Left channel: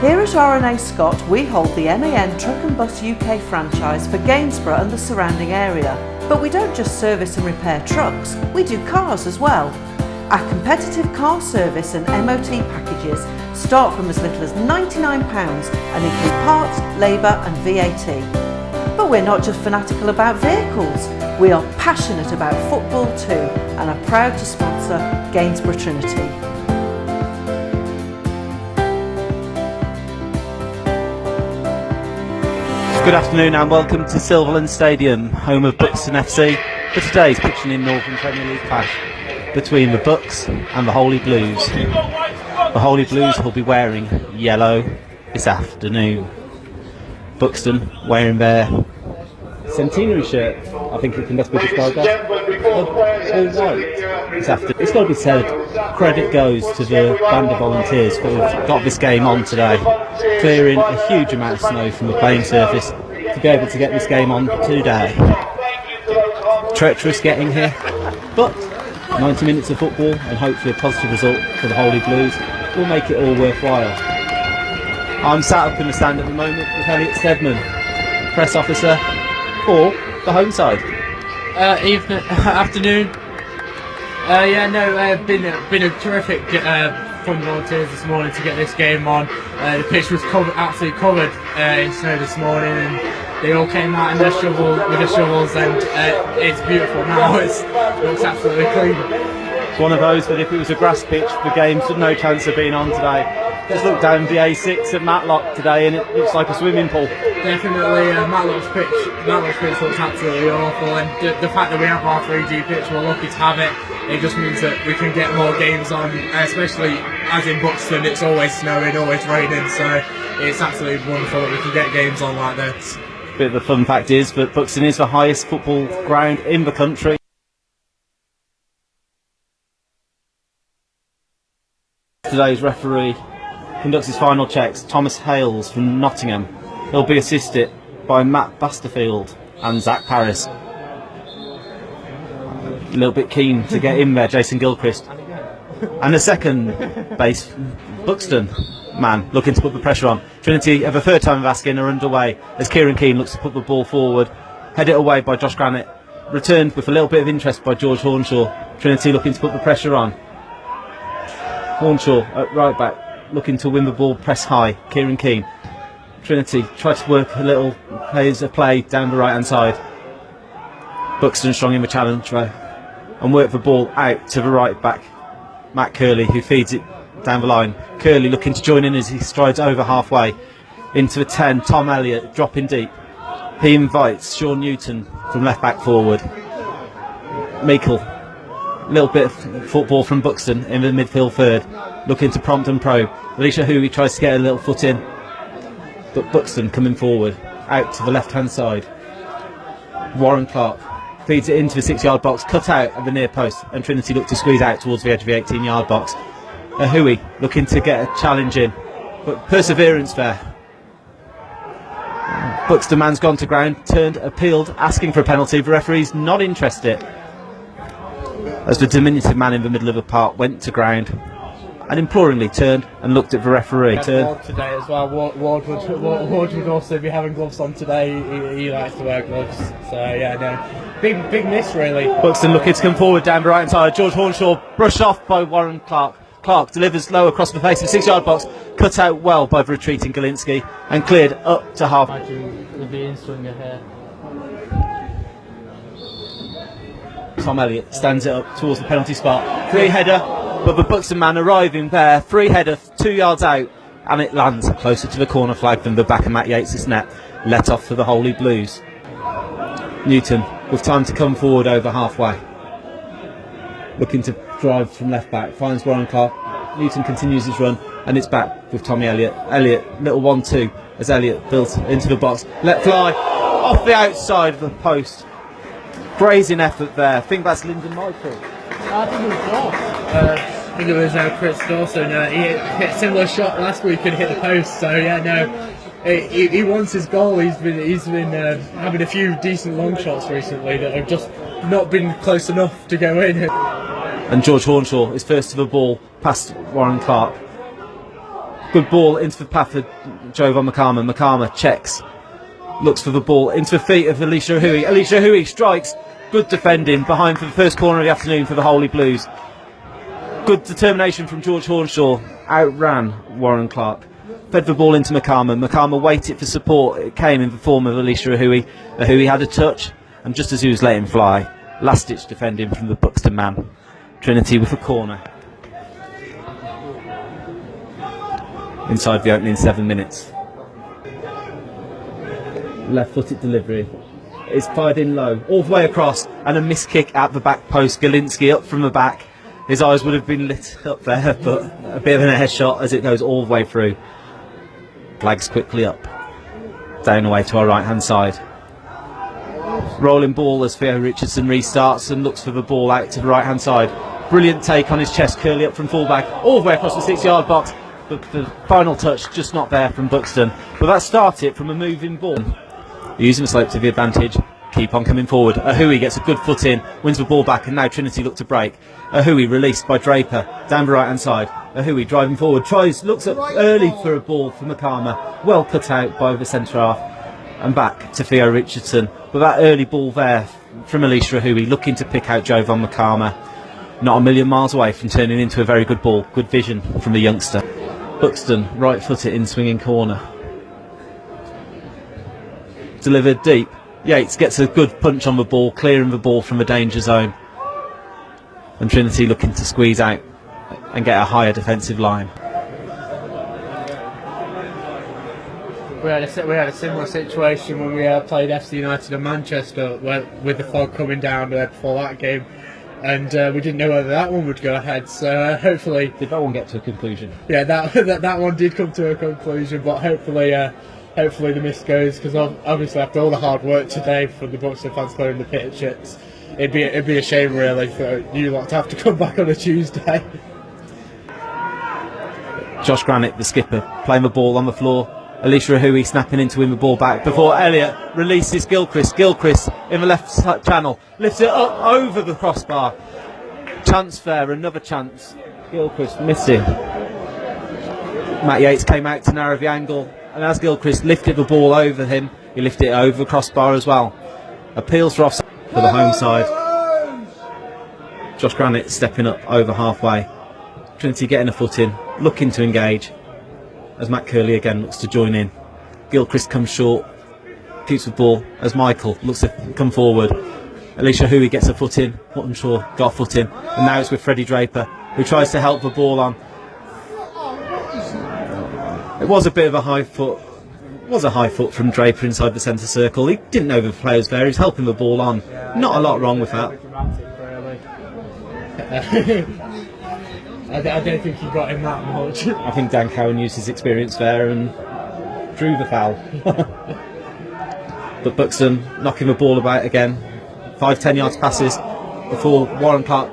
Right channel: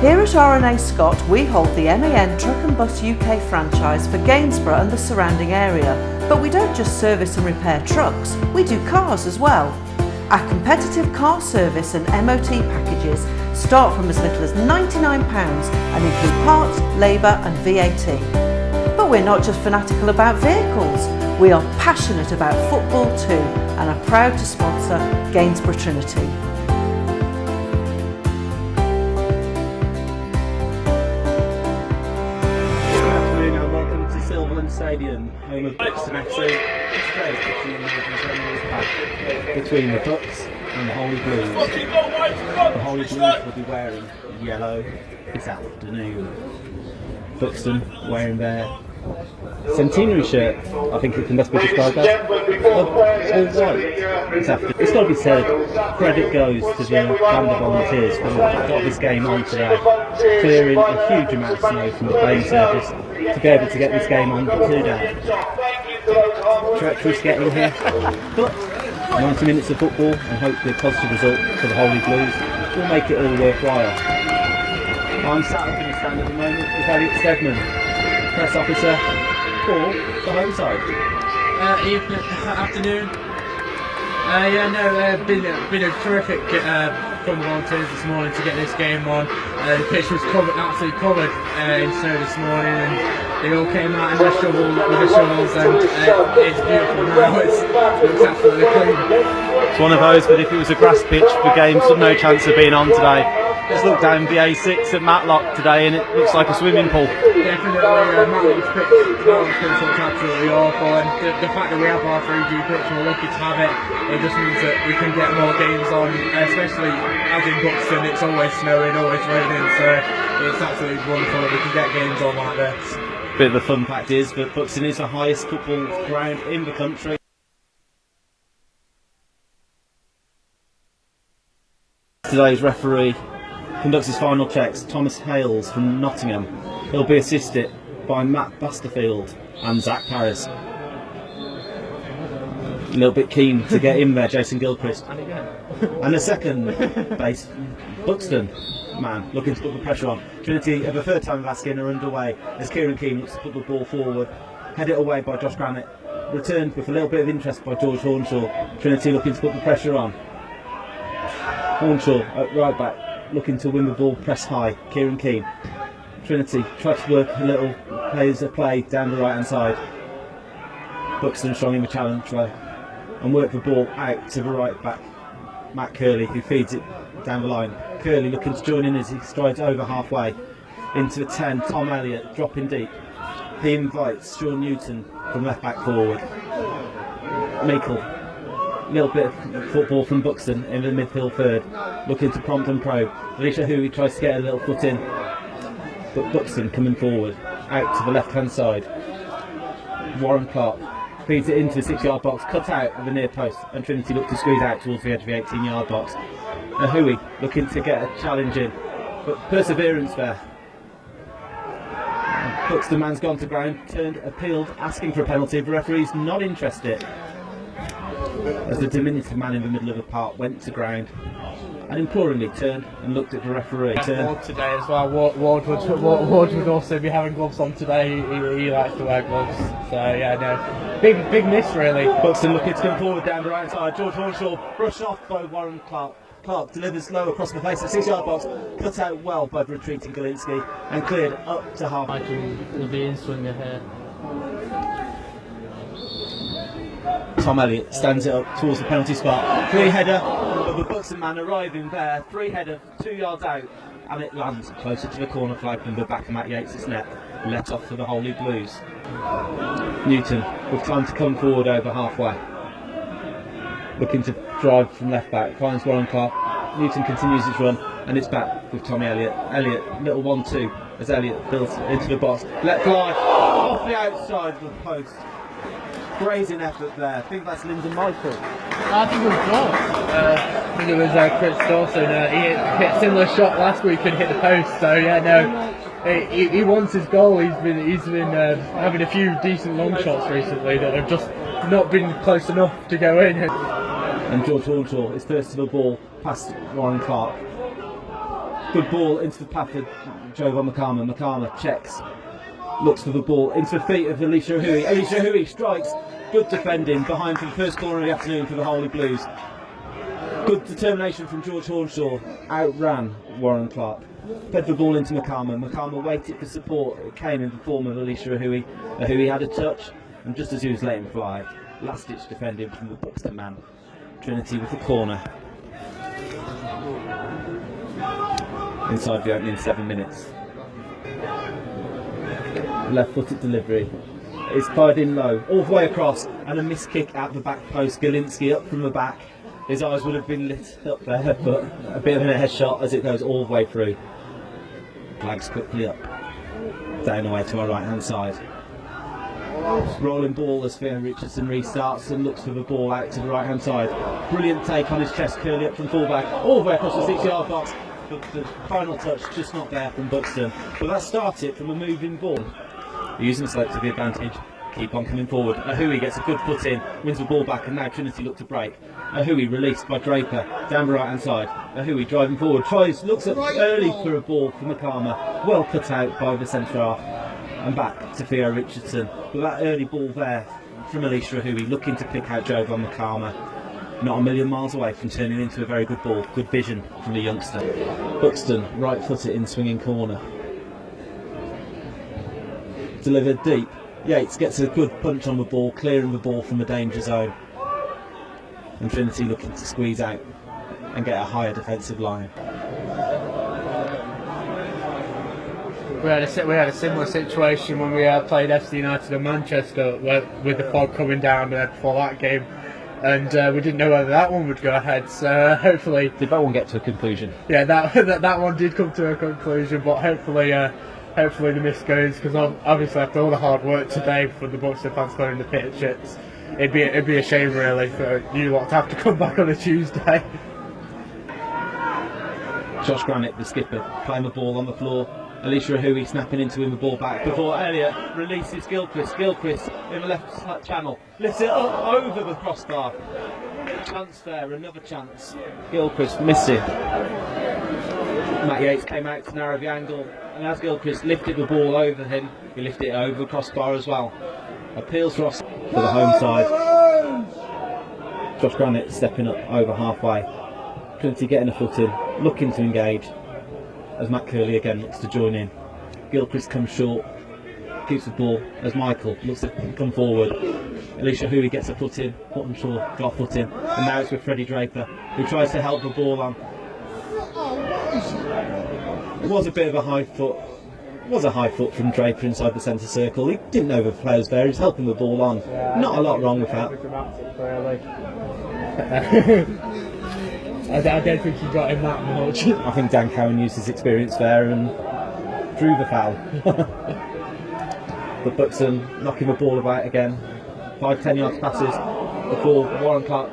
Here at R&A Scott, we hold the MAN Truck and Bus UK franchise for Gainsborough and the surrounding area. But we don't just service and repair trucks, we do cars as well. Our competitive car service and MOT packages start from as little as £99 and include parts, labour and VAT. But we're not just fanatical about vehicles, we are passionate about football too and are proud to sponsor Gainsborough Trinity. Good afternoon and welcome to Silverland Stadium, home of Buxton FC, for today's Pitching in Northern Premier League clash between the Bucks and the Holy Blues. The Holy Blues will be wearing yellow this afternoon. Buxton wearing their centenary shirt, I think it can best be described as, all white this afternoon. It's got to be said, credit goes to the band of volunteers who have got this game on today, clearing a huge amount of snow from the playing surface to be able to get this game on today. Treacherous getting here, but 90 minutes of football and hopefully a positive result for the Holy Blues will make it all worthwhile. I'm sat up in the stand at the moment with Elliot Steadman, press officer for the home side. Afternoon. Been a terrific from volunteers this morning to get this game on. The pitch was absolutely covered in snow this morning, and they all came out in their with their shovels, and it's beautiful now. It looks absolutely clean. It's one of those that if it was a grass pitch, the game's no chance of being on today. Just look down the A6 at Matlock today and it looks like a swimming pool. Definitely, Matlock's pitch looks absolutely awful, and the fact that we have our 3G pitch, we're lucky to have it. It just means that we can get more games on, especially as in Buxton, it's always snowing, always raining, so it's absolutely wonderful that we can get games on like this. Bit of the fun fact is that Buxton is the highest football ground in the country. Today's referee conducts his final checks, Thomas Hales from Nottingham. He'll be assisted by Matt Basterfield and Zach Paris. A little bit keen to get in there, Jason Gilchrist. And the second base, Buxton man, looking to put the pressure on. Trinity, for the third time of asking, are underway as Kieran Keane looks to put the ball forward. Headed away by Josh Granite. Returned with a little bit of interest by George Hornshaw. Trinity looking to put the pressure on. Hornshaw at right back, looking to win the ball, press high. Kieran Keane. Trinity tried to work a little play down the right hand side. Buxton strong in the challenge though, and work the ball out to the right back, Matt Curley, who feeds it down the line. Curley looking to join in as he strides over halfway into the 10. Tom Elliott dropping deep. He invites Sean Newton from left back forward. Meikle, a little bit of football from Buxton in the midfield third, looking to prompt and probe. Alicia Huey tries to get a little foot in, but Buxton coming forward, out to the left hand side. Warren Clark feeds it into the 6-yard box, cut out at the near post, and Trinity look to squeeze out towards the edge of the 18-yard box. Huey looking to get a challenge in, but perseverance there. Buxton man's gone to ground, turned, appealed, asking for a penalty. The referee's not interested, as the diminutive man in the middle of the park went to ground and imploringly turned and looked at the referee. Ward today as well. Ward would also be having gloves on today. He likes to wear gloves. So yeah, no, big miss really. Buxton looking to come forward down the right hand side. George Hornshaw brushed off by Warren Clark. Clark delivers low across the face of the 6-yard box, cut out well by the retreating Galinsky and cleared up to half. Imagine the being swinger here. Tom Elliott stands it up towards the penalty spot. Free header, but the Buxton man arriving there. Free header 2 yards out, and it lands closer to the corner flag than the back of Matt Yates' net. Let off for the Holy Blues. Newton with time to come forward over halfway. Looking to drive from left back, finds Warren Clark. Newton continues his run, and it's back with Tommy Elliott. Elliott, little 1-2 as Elliott built into the box. Let fly off the outside of the post. Brazen effort there. I think that's Lyndon Michael. I think it was Dawes. I think it was Chris Dawson. He hit a similar shot last week and hit the post. So yeah, no, he wants his goal. He's been having a few decent long shots recently that have just not been close enough to go in. And George Hornshaw is first to the ball past Warren Clark. Good ball into the path of Jovan Makama. Makama checks, looks for the ball into the feet of Alicia Ahui. Alicia Ahui strikes. Good defending behind for the first corner of the afternoon for the Holy Blues. Good determination from George Hornshaw. Outran Warren Clark. Fed the ball into Makama. Makama waited for support. It came in the form of Alicia Ahui. Ahui had a touch, and just as he was letting fly, last-ditch defending from the Buxton man. Trinity with a corner. Inside the opening 7 minutes. Left-footed delivery. It's fired in low, all the way across, and a missed kick at the back post. Galinski up from the back. His eyes would have been lit up there, but a bit of an headshot as it goes all the way through. Flags quickly up. Down away to our right-hand side. Rolling ball as Theo Richardson restarts and looks for the ball out to the right-hand side. Brilliant take on his chest, curly up from fullback, all the way across the 6-yard box. But the final touch just not there from Buxton. But that started from a moving ball. Using the slope to the advantage, keep on coming forward. Ahui gets a good foot in, wins the ball back, and now Trinity look to break. Ahui released by Draper down the right hand side. Ahui driving forward, looks up early for a ball for Makama, well cut out by the centre half, and back to Theo Richardson. But that early ball there from Alicia Ahui, looking to pick out Jovan Makama, not a million miles away from turning into a very good ball. Good vision from the youngster. Buxton right footed in swinging corner. Delivered deep. Yates gets a good punch on the ball, clearing the ball from the danger zone. And Trinity looking to squeeze out and get a higher defensive line. We had a similar situation when we played FC United in Manchester, with the fog coming down before that game, and we didn't know whether that one would go ahead. So hopefully, did that one get to a conclusion? Yeah, that one did come to a conclusion, but hopefully the miss goes, because obviously after all the hard work today for the Buxton fans clearing the pitch, it'd be a shame really for you lot to have to come back on a Tuesday. Josh Granick, the skipper, playing the ball on the floor. Alicia Ahui snapping in to win the ball back before Elliott releases Gilchrist. Gilchrist in the left channel, lifts it up over the crossbar. Chance there, another chance. Gilchrist missing. Matt Yates came out to narrow the angle, and as Gilchrist lifted the ball over him, he lifted it over the crossbar as well. Appeals for offside for the home side. Josh Granick stepping up over halfway. Trinity getting a foot in, looking to engage, as Matt Curley again looks to join in. Gilchrist comes short, keeps the ball as Michael looks to come forward. Alicia Ahui gets a foot in, Hornshaw got a foot in, and now it's with Freddie Draper, who tries to help the ball on. It was a bit of a high foot. It was a high foot from Draper inside the centre circle. He didn't know the players there. He was helping the ball on. Yeah, not a lot wrong with that. I don't think he got him that much. I think Dan Cowan used his experience there and drew the foul. But Buxton knocking the ball about again. 5-10 yards passes before Warren Clark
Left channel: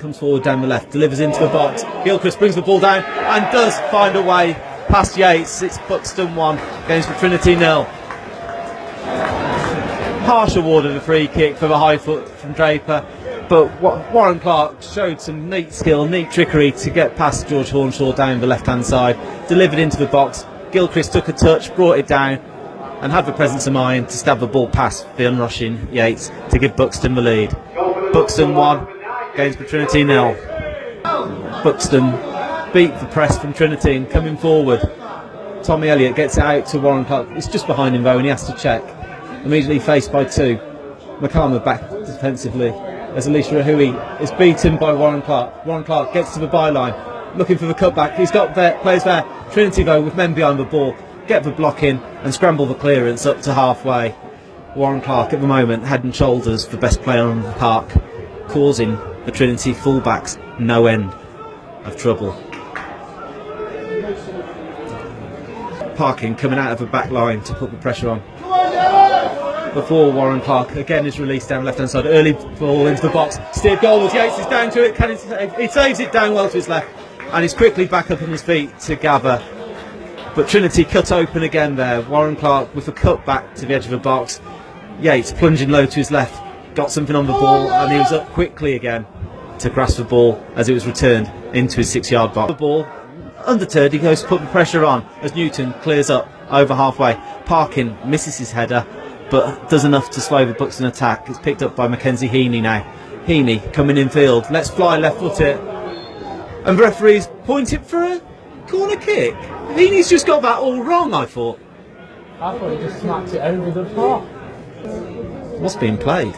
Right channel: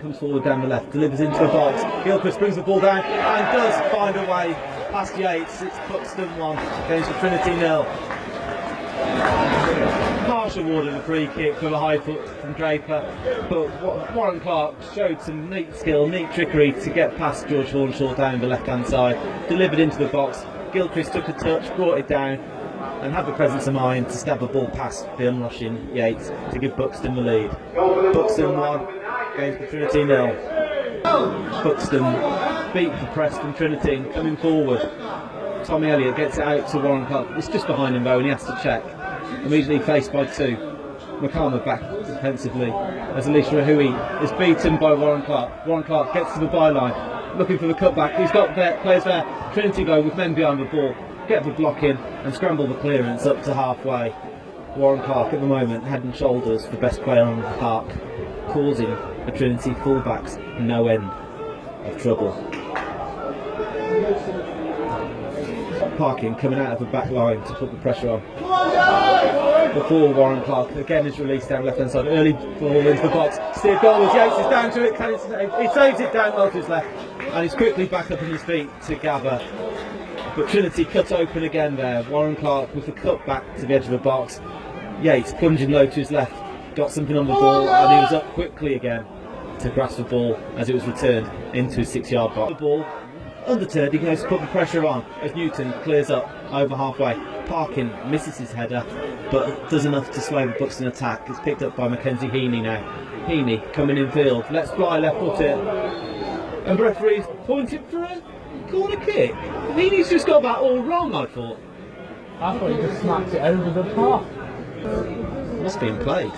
comes forward down the left, delivers into the box. Gilchrist brings the ball down and does find a way past Yates. It's Buxton 1, Gainsborough Trinity 0. Harsh award of a free kick for the high foot from Draper, but Warren Clark showed some neat skill, neat trickery to get past George Hornshaw down the left hand side, delivered into the box. Gilchrist took a touch, brought it down, and had the presence of mind to stab the ball past the unrushing Yates to give Buxton the lead. Buxton 1, Gainsborough Trinity 0. Buxton beat the press from Trinity and coming forward. Tommy Elliott gets it out to Warren Clark. It's just behind him though, and he has to check. Immediately faced by two. Makama back defensively as Alicia Ahui is beaten by Warren Clark. Warren Clark gets to the byline, looking for the cutback. He's got players there. Trinity though with men behind the ball, get the block in and scramble the clearance up to halfway. Warren Clark at the moment head and shoulders the best player on the park, causing the Trinity fullbacks no end of trouble. Parkin coming out of the back line to put the pressure on. Before Warren Clark again is released down the left hand side. Early ball into the box. Steered goalwards. Yates is down to it. Can he save? He saves it down well to his left. And he's quickly back up on his feet to gather. But Trinity cut open again there. Warren Clark with a cut back to the edge of the box. Yates plunging low to his left. Got something on the ball and he was up quickly again to grasp the ball as it was returned into his 6-yard box. The ball Undeterred, he goes to put the pressure on as Newton clears up over halfway. Parkin misses his header, but does enough to slow the Buxton attack. It's picked up by Mackenzie Heaney now. Heaney coming in field, let's fly left foot it. And the referee's pointing for a corner kick. Heaney's just got that all wrong, I thought. I thought he just smacked it over the bar. What's being played?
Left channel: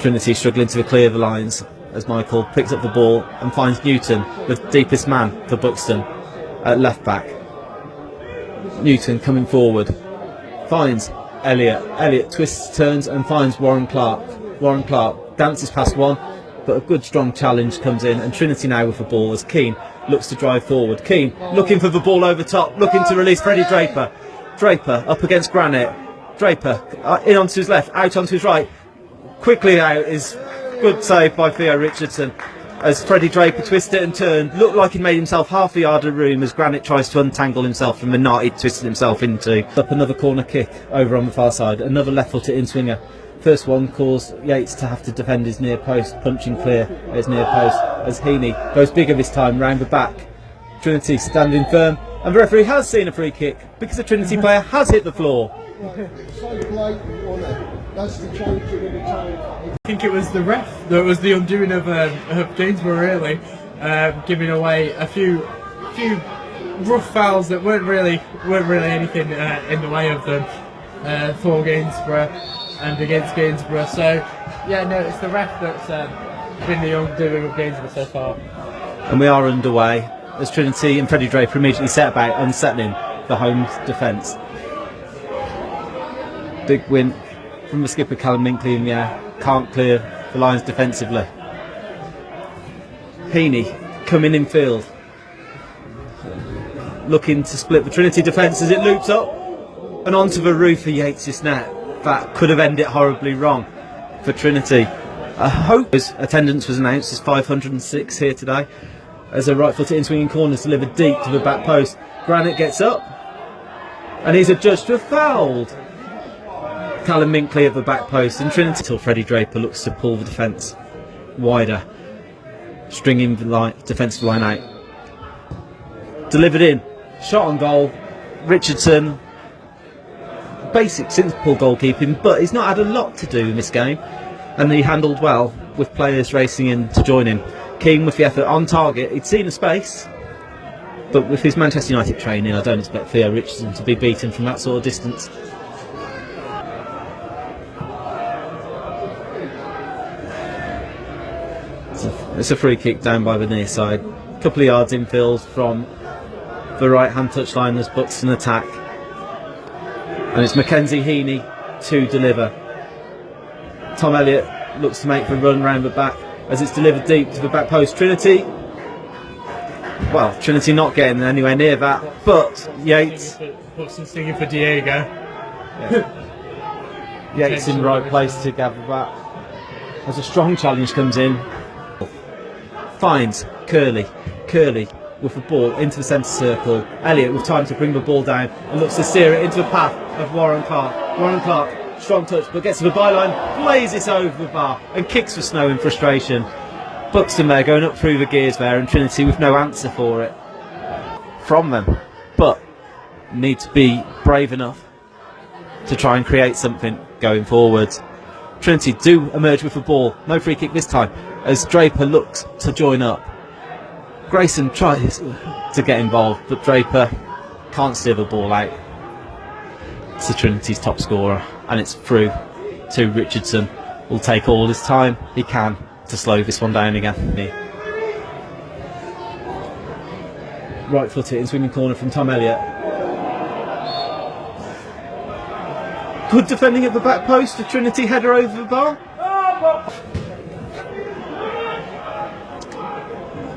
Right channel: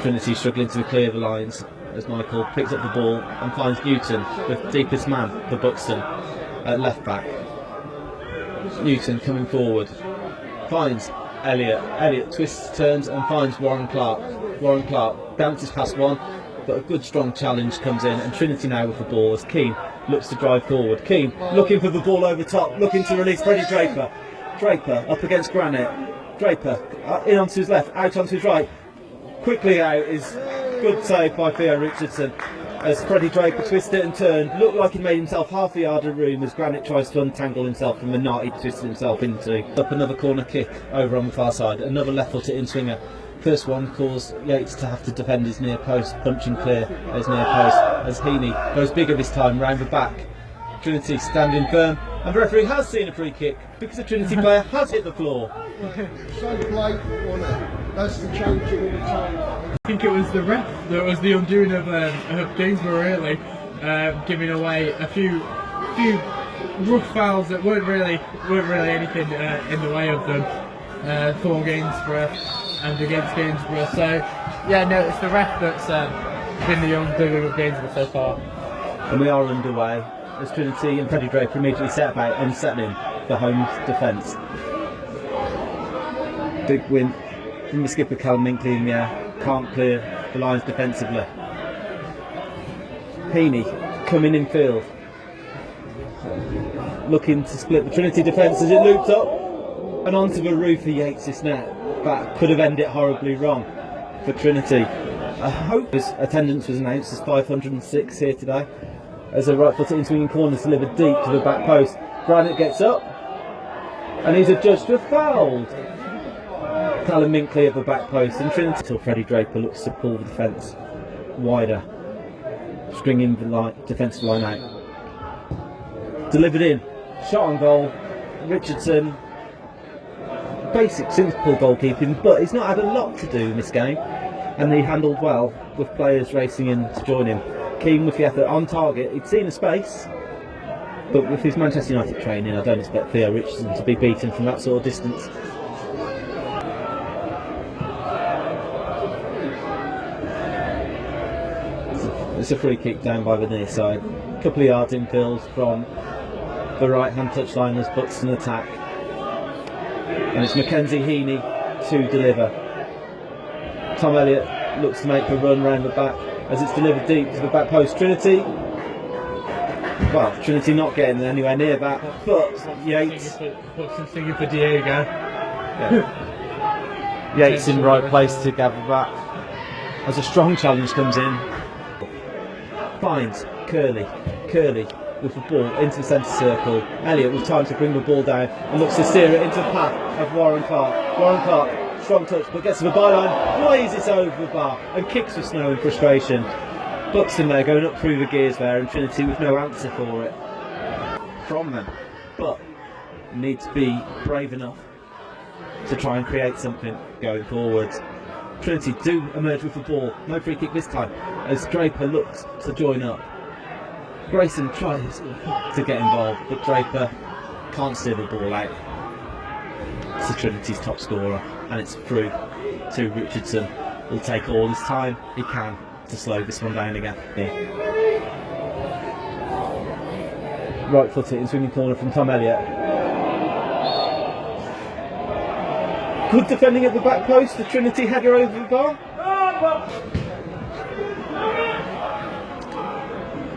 Trinity struggling to clear the lines as Michael picks up the ball and finds Newton, the deepest man for Buxton, at left back. Newton coming forward, finds Elliott. Elliott twists, turns and finds Warren Clark. Warren Clark dances past one, but a good strong challenge comes in, and Trinity now with the ball as Keane looks to drive forward. Keane looking for the ball over top, looking to release Freddie Draper. Draper up against Granite. Draper in onto his left, out onto his right. Quickly out is good save by Theo Richardson as Freddie Draper twisted and turned. Looked like he made himself half a yard of room as Granite tries to untangle himself from the knot he'd twisted himself into. Up another corner kick over on the far side, another left-footed in-swinger. First one caused Yates to have to defend his near post, punching clear at his near post as Heaney goes bigger this time round the back. Trinity standing firm, and the referee has seen a free kick because the Trinity player has hit the floor. So blatant, wasn't it? That's the changing of the time. I think it was the ref that was the undoing of Gainsborough, really, giving away a few rough fouls that weren't really anything in the way of them for Gainsborough and against Gainsborough. So yeah, no, it's the ref that's been the undoing of Gainsborough so far. And we are underway as Trinity and Freddie Draper immediately set about unsettling the home's defence. Big win from the skipper Callum Minkley in the air, can't clear the lines defensively. Heaney coming in field, looking to split the Trinity defence as it loops up and onto the roof of Yates' net. That could have ended horribly wrong for Trinity. I hope his attendance was announced as 506 here today as a right-footed in-swinging corner is delivered deep to the back post. Granite gets up and he's adjudged to have fouled Callum Minkley at the back post, and Trinity till Freddie Draper looks to pull the defence wider, stringing the defensive line out. Delivered in, shot on goal. Richardson, basic simple goalkeeping, but he's not had a lot to do in this game, and he handled well with players racing in to join him. Keane with the effort on target. He'd seen a space, but with his Manchester United training, I don't expect Theo Richardson to be beaten from that sort of distance. It's a free kick down by the near side, a couple of yards infield from the right hand touchline as Buxton attack, and it's Mackenzie Heaney to deliver. Tom Elliott looks to make the run round the back as it's delivered deep to the back post. Trinity not getting anywhere near that, but Yates Buxton singing for Diego. Yeah. Yates in the right place to gather that as a strong challenge comes in. Finds Curley with the ball into the centre circle. Elliott with time to bring the ball down and looks to steer it into the path of Warren Clark. Warren Clark, strong touch, but gets to the byline, blazes over the bar and kicks for Snow in frustration. Buxton there going up through the gears there, and Trinity with no answer for it from them, but need to be brave enough to try and create something going forwards. Trinity do emerge with the ball, no free kick this time, as Draper looks to join up. Grayson tries to get involved, but Draper can't steer the ball out to Trinity's top scorer, and it's through to Richardson. Will take all his time he can to slow this one down again. Right footed in swinging corner from Tom Elliott. Good defending at the back post, a Trinity header over the bar.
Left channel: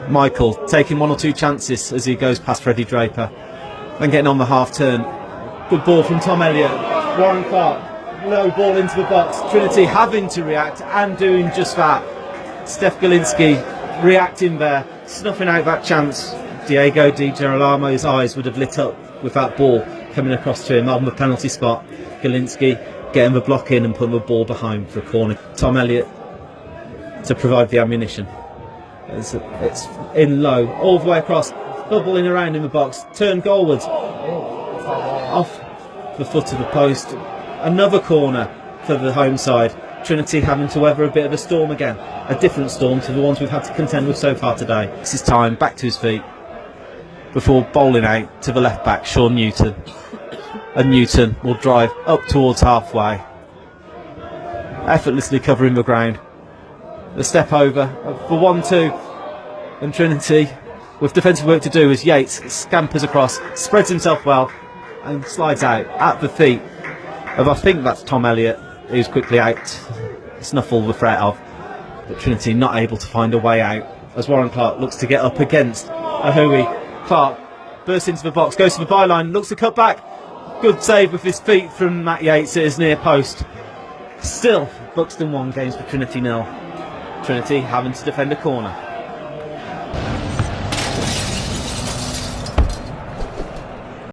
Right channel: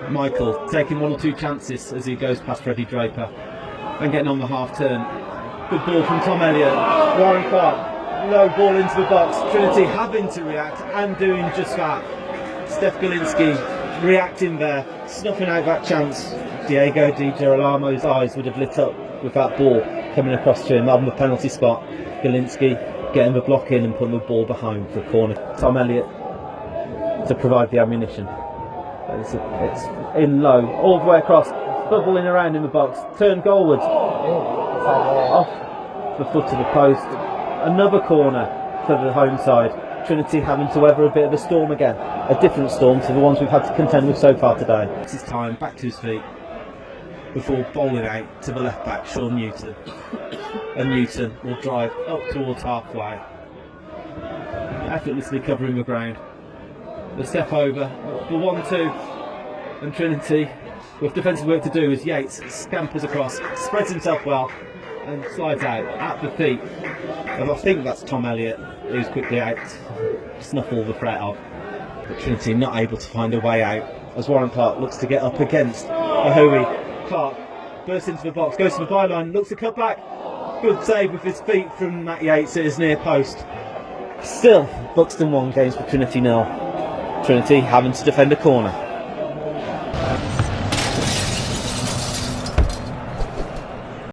Michael taking one or two chances as he goes past Freddie Draper, then getting on the half turn. Good ball from Tom Elliott. Warren Clark, low ball into the box. Trinity having to react and doing just that. Steph Galinski reacting there, snuffing out that chance. Diego Di Girolamo's eyes would have lit up with that ball coming across to him on the penalty spot. Galinski getting the block in and putting the ball behind for a corner. Tom Elliott to provide the ammunition. It's in low, all the way across, bubbling around in the box, turn goalwards, off the foot of the post. Another corner for the home side. Trinity having to weather a bit of a storm again, a different storm to the ones we've had to contend with so far today. This is time, back to his feet, before bowling out to the left back, Sean Newton. And Newton will drive up towards halfway, effortlessly covering the ground. The step over for 1-2, and Trinity, with defensive work to do, as Yates scampers across, spreads himself well, and slides out at the feet of, I think that's Tom Elliott, who's quickly out, snuffle the threat of. But Trinity not able to find a way out as Warren Clark looks to get up against Ahui. Clark bursts into the box, goes to the byline, looks to cut back. Good save with his feet from Matt Yates at his near post. Still, Buxton 1, Gainsborough Trinity 0. Trinity having to defend a corner.